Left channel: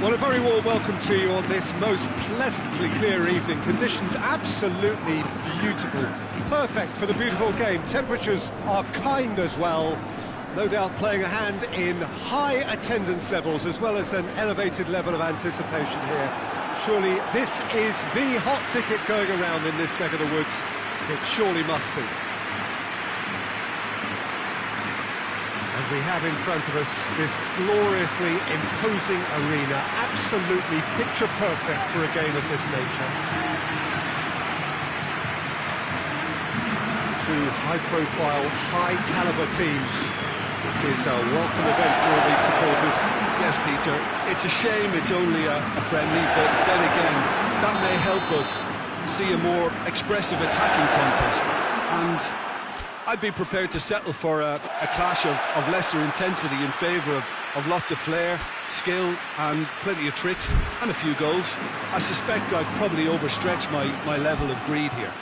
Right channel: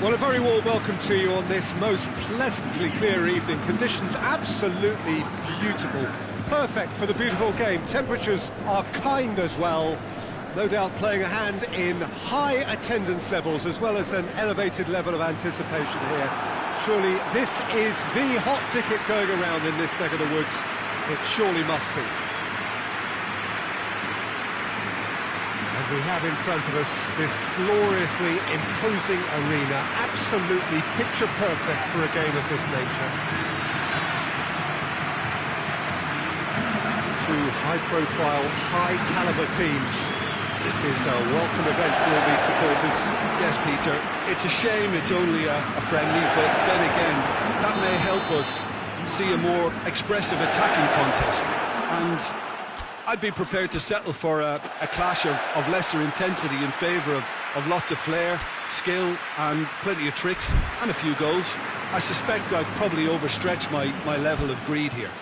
Well, a very warm welcome to you on this most pleasantly clear evening. Conditions absolutely beautiful, perfect for the beautiful game. Temperatures are kind as well, no doubt playing a hand in high attendance levels as well as an elevated level of anticipation here. Surely this is the hot ticket going around in this neck of the woods. It surely must be. And we have in front of us this gloriously imposing arena, absolutely picture perfect for a game of this nature. Two high-profile, high-caliber teams. This is a welcome event for all these supporters. Yes, Peter, it's a shame it's only a friendly, but then again, that may help us see a more expressive attacking contest. And I'd be prepared to settle for a clash of lesser intensity in favour of lots of flair, skill and plenty of tricks and a few goals. I suspect I've probably overstretched my level of greed here.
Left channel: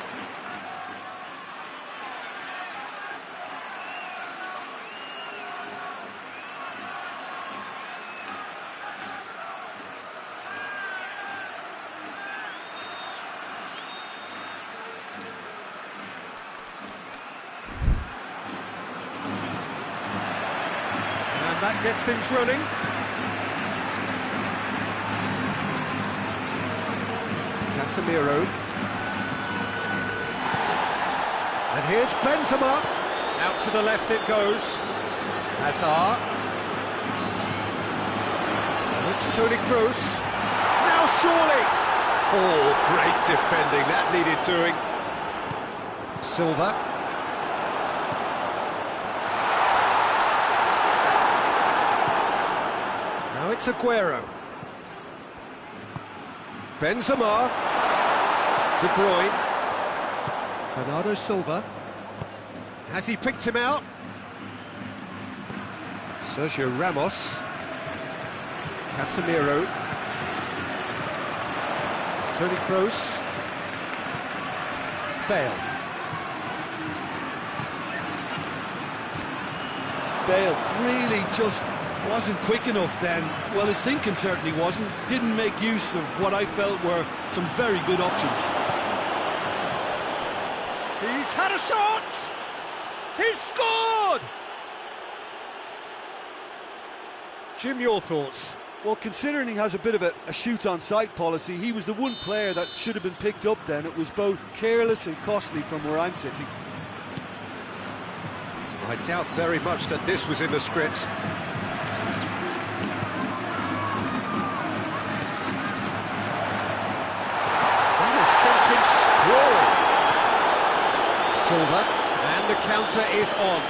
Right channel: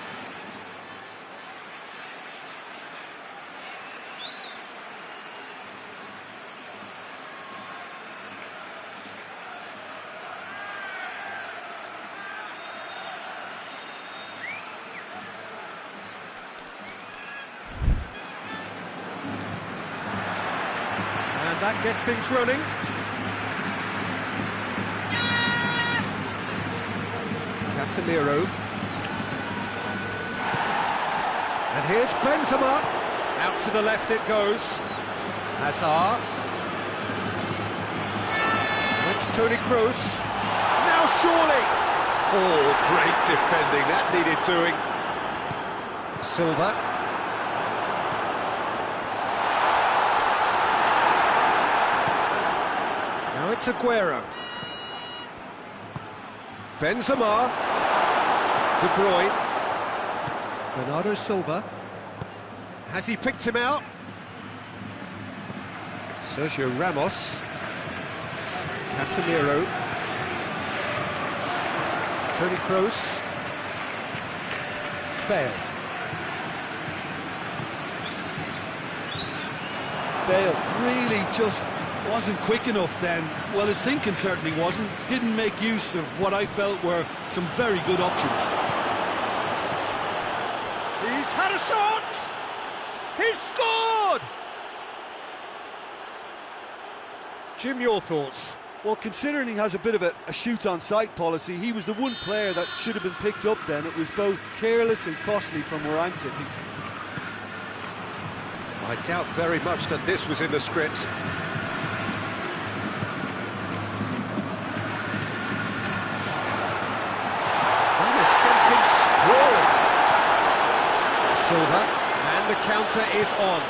That gets things running. Casemiro. And here's Benzema. Out to the left it goes. Hazard. And it's Toni Kroos. Now surely. Oh, great defending. That needed doing. Silva. Now it's Aguero. Benzema. De Bruyne. Bernardo Silva. Has he picked him out? Sergio Ramos. Casemiro. Toni Kroos. Bale. Bale really just wasn't quick enough then. Well, his thinking certainly wasn't. Didn't make use of what I felt were some very good options. He's had a shot! He's scored! Jim, your thoughts? Well, considering he has a bit of a shoot-on-sight policy, he was the one player that should have been picked up then. It was both careless and costly from where I'm sitting. I doubt very much that this was in the script. Sent him sprawling. Silva, and the counter is on.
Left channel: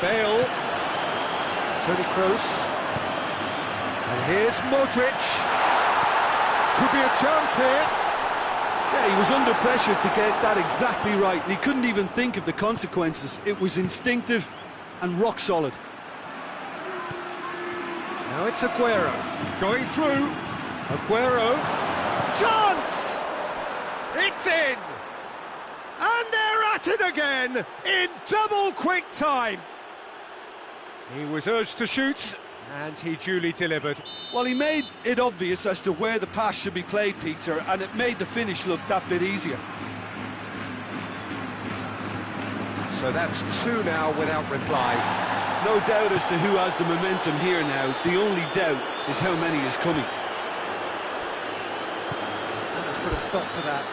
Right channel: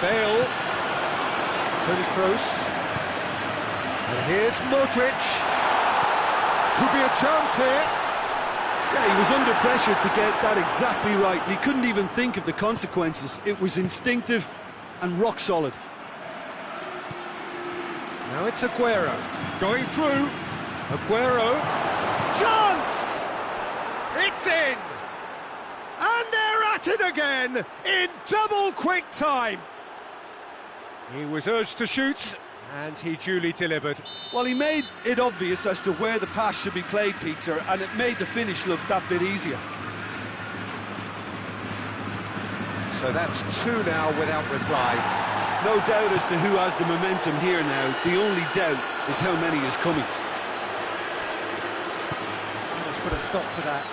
Bale, Toni Kroos, and here's Modric. Could be a chance here. Yeah, he was under pressure to get that exactly right, and he couldn't even think of the consequences. It was instinctive and rock solid. Now it's Aguero, going through, Aguero, chance! It's in! And they're at it again, in double quick time! He was urged to shoot, and he duly delivered. Well, he made it obvious as to where the pass should be played, Peter, and it made the finish look that bit easier. So that's two now without reply. No doubt as to who has the momentum here now. The only doubt is how many is coming. Let us put a stop to that.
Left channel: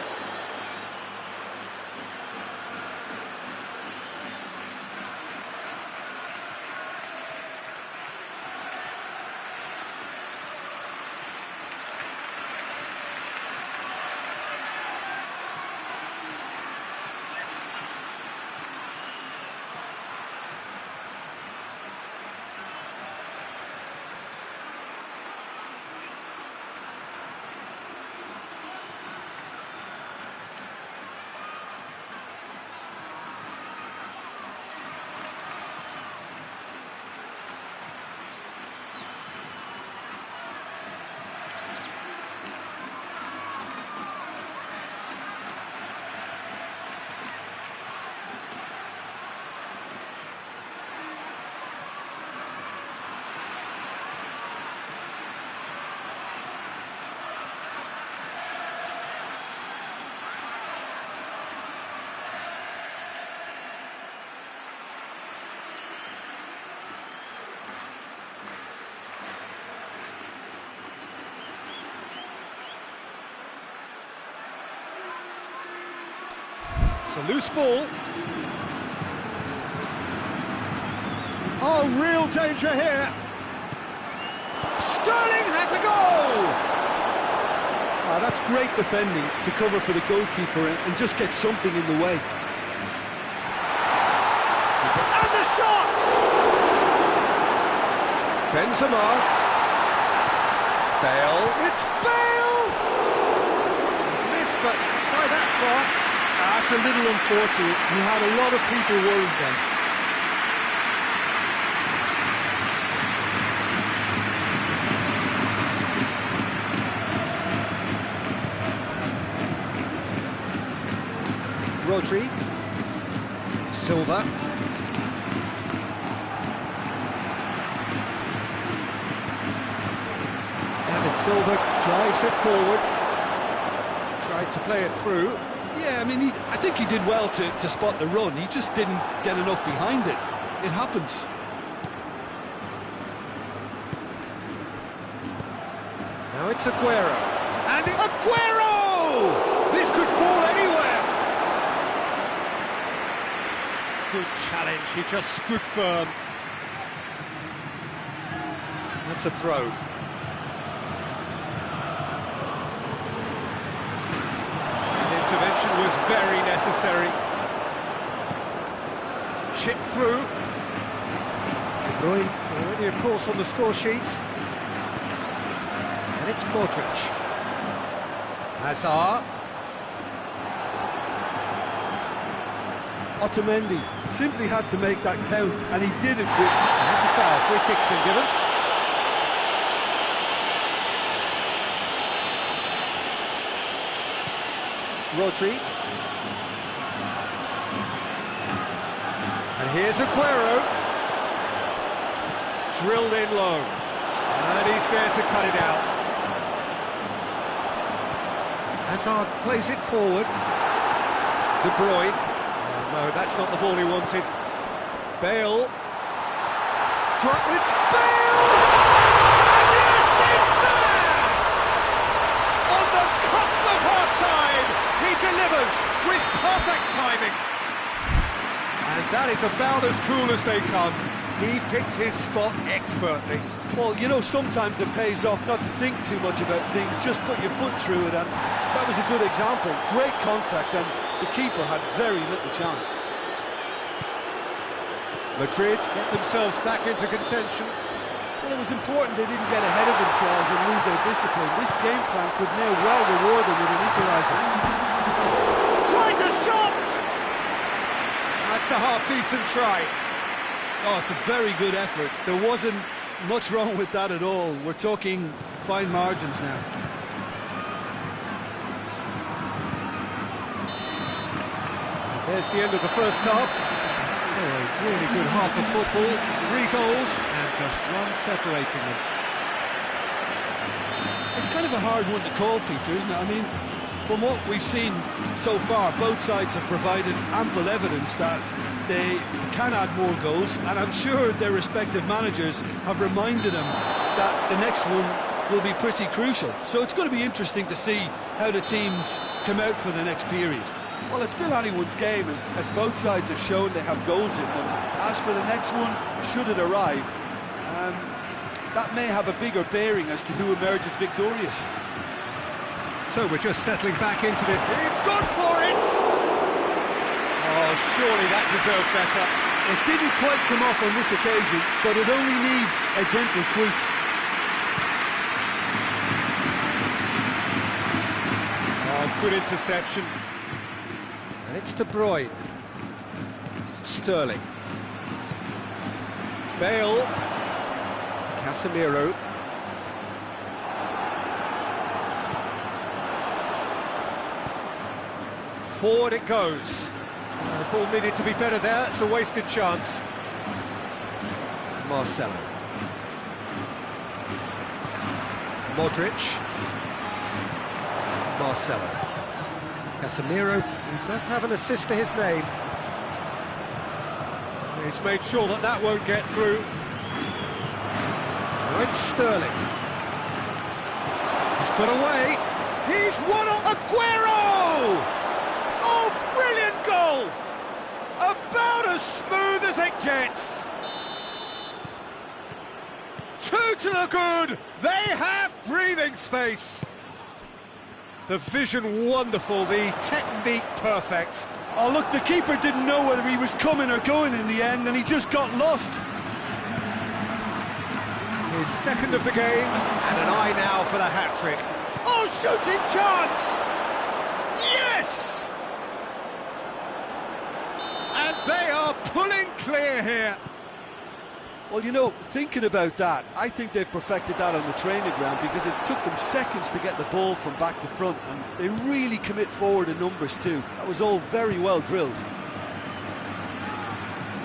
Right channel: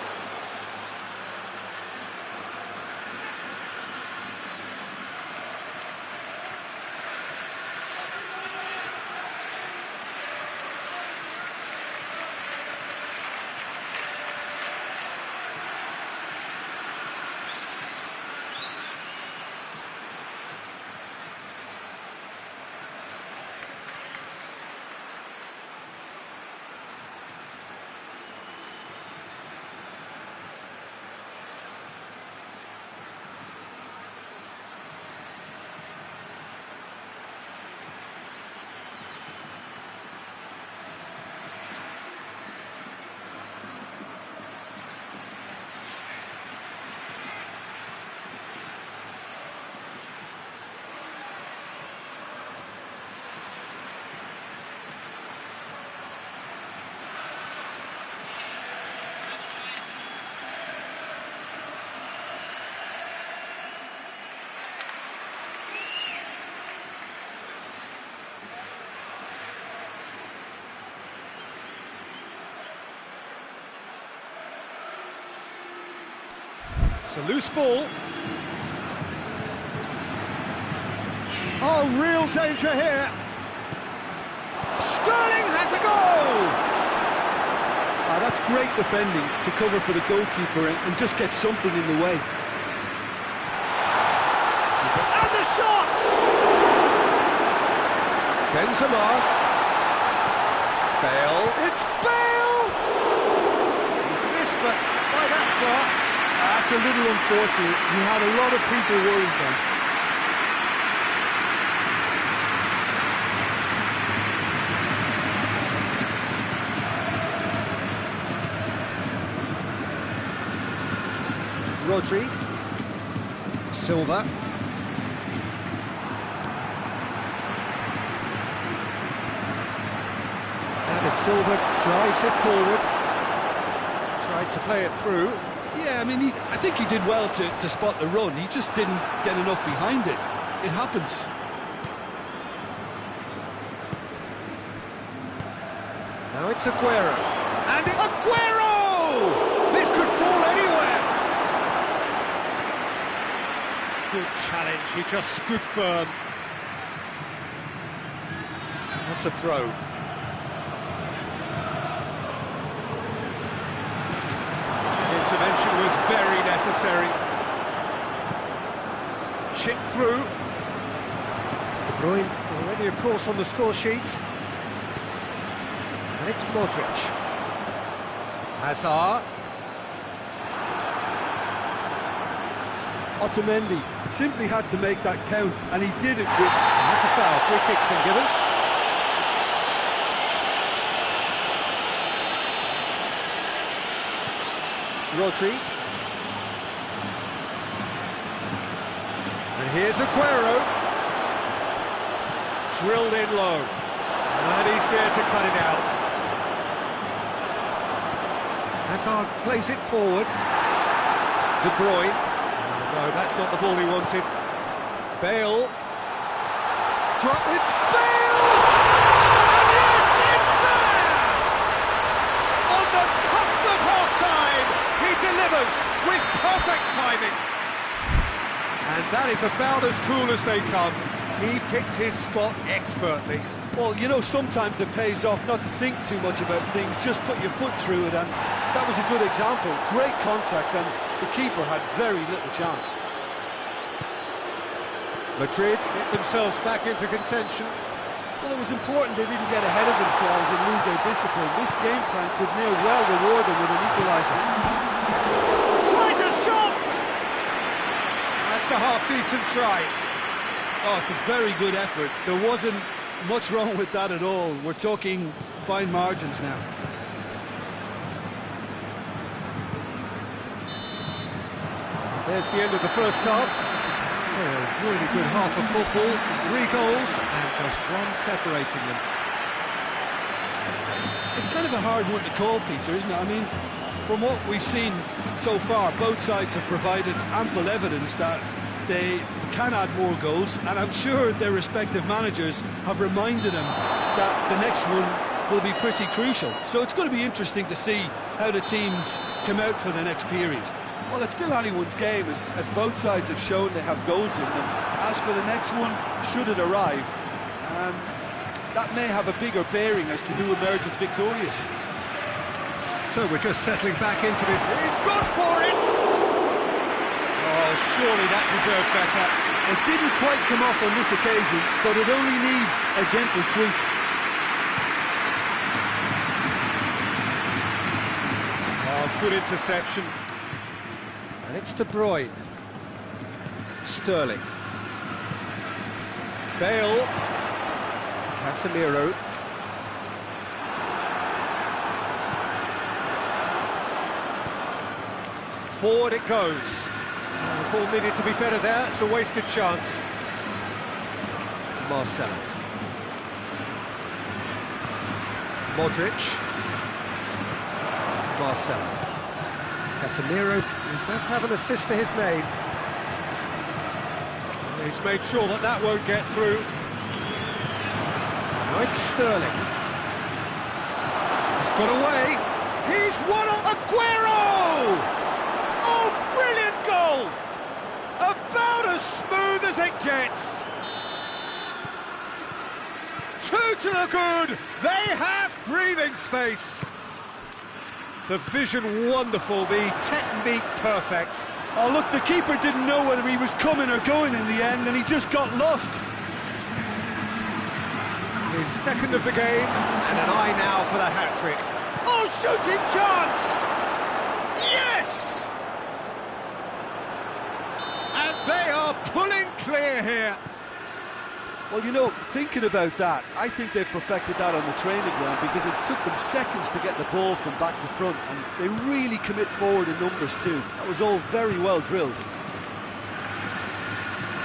It's a loose ball. Oh, real danger here. Sterling has a goal! That's great defending to cover for the goalkeeper and just get something in the way. And the shot! Benzema. Bale. It's Bale! He's missed, but not by that far. That's a little unfortunate. He had a lot of people worried then. Rodri. Silva. David Silva drives it forward. Tried to play it through. Yeah, I mean, I think he did well to spot the run. He just didn't get enough behind it. It happens. Now it's Aguero. And Aguero! This could fall anywhere. Good challenge, he just stood firm. That's a throw. That intervention was very necessary. Chip through. De Bruyne already, of course, on the score sheet. And it's Modric. Hazard. Otamendi simply had to make that count, and he did it with... That's a foul, free kick's been given. Rodri. And here's Aguero. Drilled in low. And he's there to cut it out. Hazard plays it forward. De Bruyne. No, that's not the ball he wanted. Bale. It's Bale! And yes, it's there! On the cusp of half-time, he delivers with perfect timing. And that is about as cool as they come. He picked his spot expertly. Well, you know, sometimes it pays off not to think too much about things, just put your foot through it, and that was a good example. Great contact, and the keeper had very little chance. Madrid get themselves back into contention. Well, it was important they didn't get ahead of themselves and lose their discipline. This game plan could now well reward them with an equaliser. Tries a shot! That's a half-decent try. Oh, it's a very good effort. There wasn't much wrong with that at all. We're talking fine margins now. There's the end of the first half. So a really good half of football. 3 goals and just one separating them. It's kind of a hard one to call, Peter, isn't it? I mean, from what we've seen so far, both sides have provided ample evidence that they can add more goals, and I'm sure their respective managers have reminded them that the next one will be pretty crucial. So it's going to be interesting to see how the teams come out for the next period. Well, it's still anyone's game, as both sides have shown they have goals in them. As for the next one, should it arrive, that may have a bigger bearing as to who emerges victorious. So we're just settling back into this. He's gone for it! Oh, surely that deserved better. It didn't quite come off on this occasion, but it only needs a gentle tweak. Oh, good interception. And it's De Bruyne. Sterling. Bale. Casemiro. Forward it goes. The ball needed to be better there. It's a wasted chance. Marcelo. Modric. Marcelo. Casemiro, who does have an assist to his name. He's made sure that that won't get through. Now it's Sterling. He's got away. He's won on Aguero! Oh, brilliant goal! About as smooth as it gets. 2 to the good. They have breathing space. The vision wonderful, the technique perfect. Oh, look, the keeper didn't know whether he was coming or going in the end, and he just got lost. His second of the game, and an eye now for the hat-trick. Oh, shooting chance! Yes! And they are pulling clear here. Well, you know, thinking about that, I think they've perfected that on the training ground, because it took them seconds to get the ball from back to front, and they really commit forward in numbers too. That was all very well drilled.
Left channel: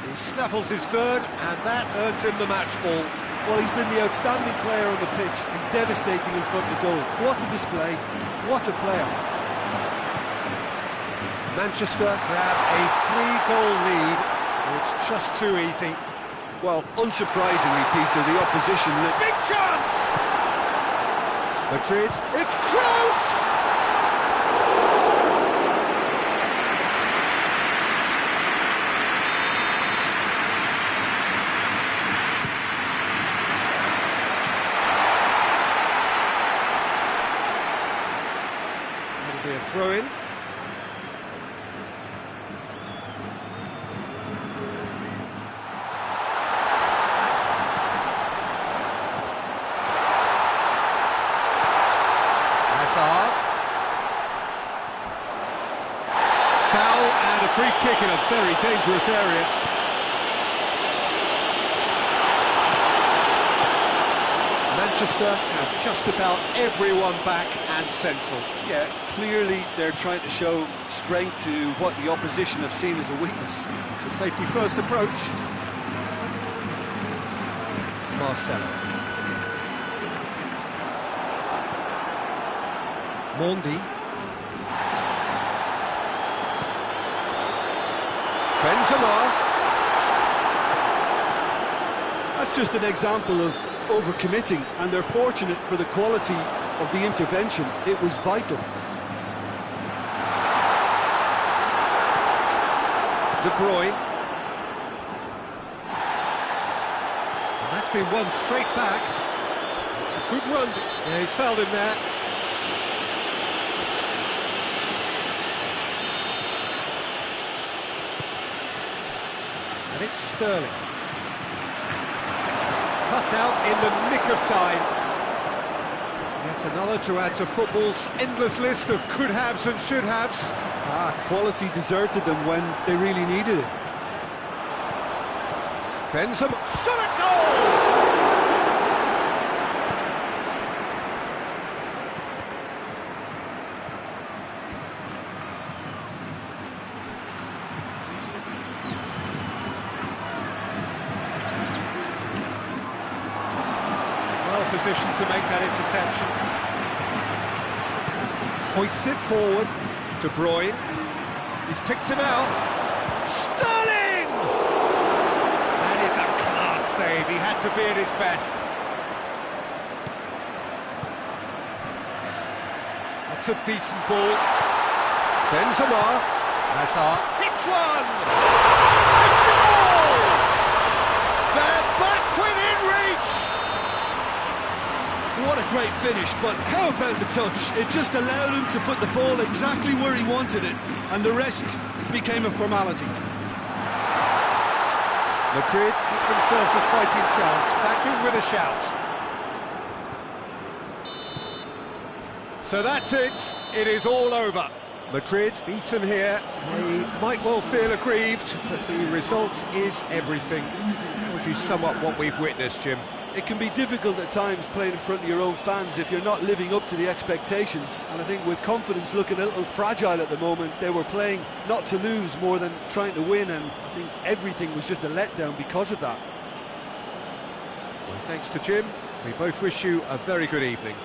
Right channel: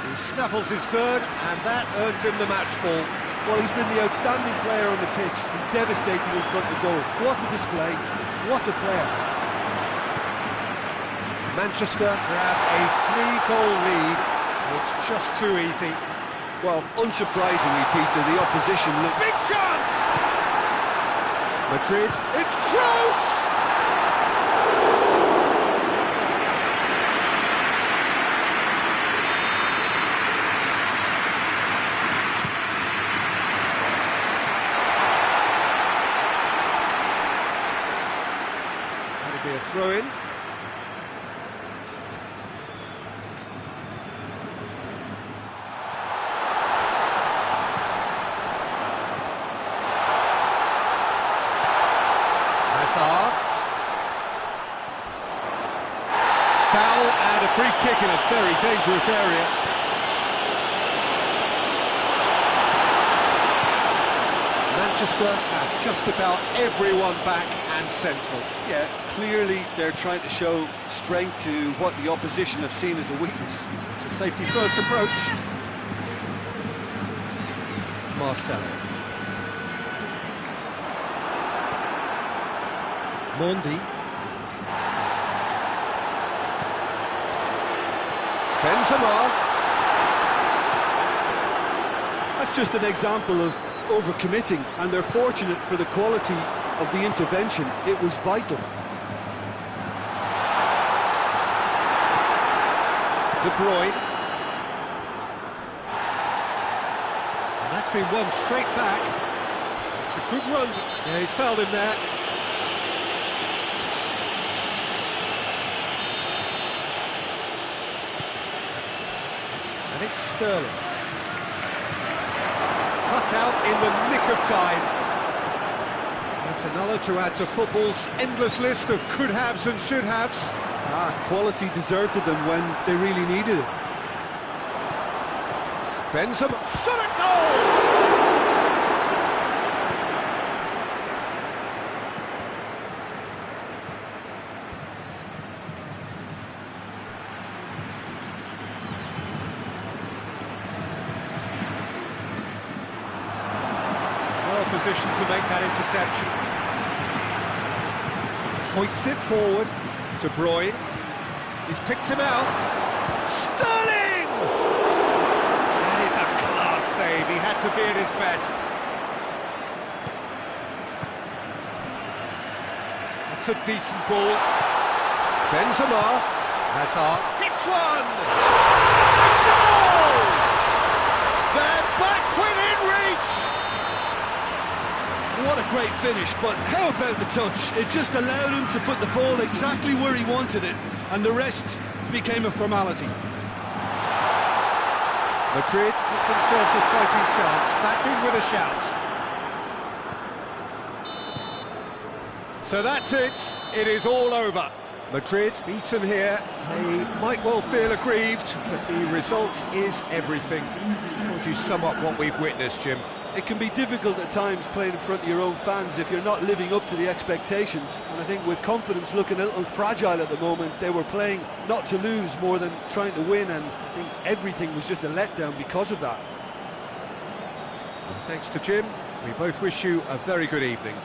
He snaffles his third, and that earns him the match ball. Well, he's been the outstanding player on the pitch and devastating in front of goal. What a display, what a player. Manchester grab a 3-goal lead. It's just too easy. Well, unsurprisingly, Peter, the opposition... Big chance! Madrid, it's close! That'll be a throw-in. Foul and a free kick in a very dangerous area. Manchester have just about everyone back and central. Yeah, clearly they're trying to show strength to what the opposition have seen as a weakness. It's a safety-first approach. Marcelo. Mondi. Benzema. That's just an example of overcommitting, and they're fortunate for the quality of the intervention. It was vital. De Bruyne. And that's been won straight back. It's a good run. Yeah, he's fouled him there. And it's Sterling. Cut out in the nick of time. Yet another to add to football's endless list of could-haves and should-haves. Quality deserted them when they really needed it. Benzema, shot at goal! Well positioned to make that interception. Hoists it forward. De Bruyne. He's picked him out. Sterling! That is a class save. He had to be at his best. That's a decent ball. Benzema. Hazard. Hits one! It's a goal! They're back within reach! What a great finish, but how about the touch? It just allowed him to put the ball exactly where he wanted it, and the rest became a formality. Madrid give themselves a fighting chance, back in with a shout. So that's it, it is all over. Madrid beaten here, they might well feel aggrieved, but the result is everything. How would you sum up what we've witnessed, Jim? It can be difficult at times playing in front of your own fans if you're not living up to the expectations, and I think with confidence looking a little fragile at the moment, they were playing not to lose more than trying to win, and I think everything was just a letdown because of that. Well, thanks to Jim, we both wish you a very good evening.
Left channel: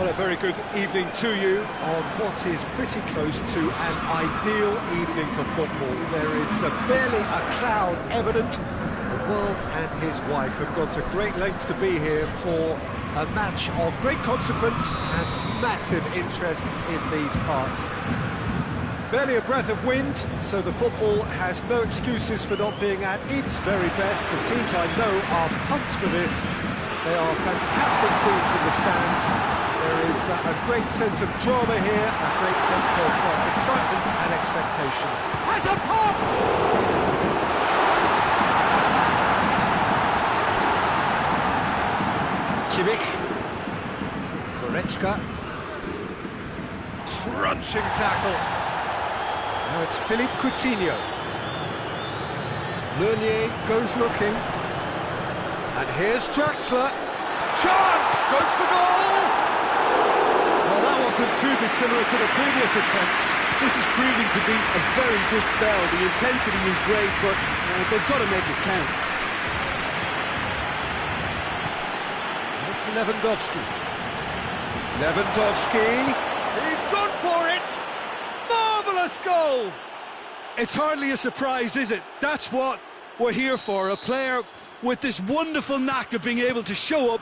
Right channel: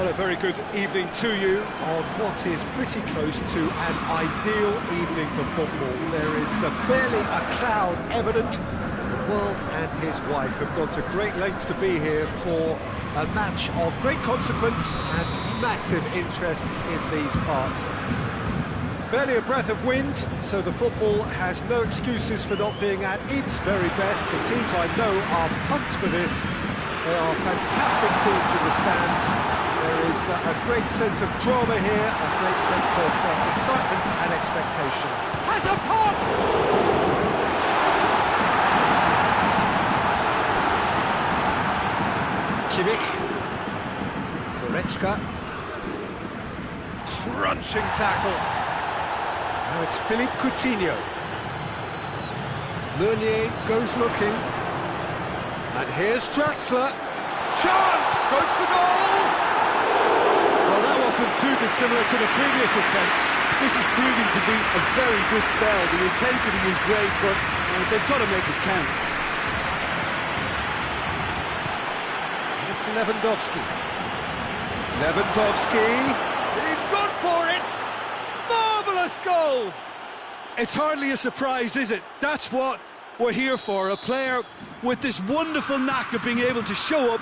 Well, a very good evening to you on what is pretty close to an ideal evening for football. There is barely a cloud evident. The world and his wife have gone to great lengths to be here for a match of great consequence and massive interest in these parts. Barely a breath of wind, so the football has no excuses for not being at its very best. The teams I know are pumped for this. They are fantastic scenes in the stands. There is a great sense of drama here, a great sense of excitement and expectation. Has a pop! Kimmich. Goretzka. Crunching tackle. Now it's Philippe Coutinho. Meunier goes looking. And here's Draxler. Chance! Goes for goal! Well, that wasn't too dissimilar to the previous attempt. This is proving to be a very good spell. The intensity is great, but they've got to make it count. And it's Lewandowski. Lewandowski. He's gone for it! Marvellous goal! It's hardly a surprise, is it? That's what we're here for. A player with this wonderful knack of being able to show up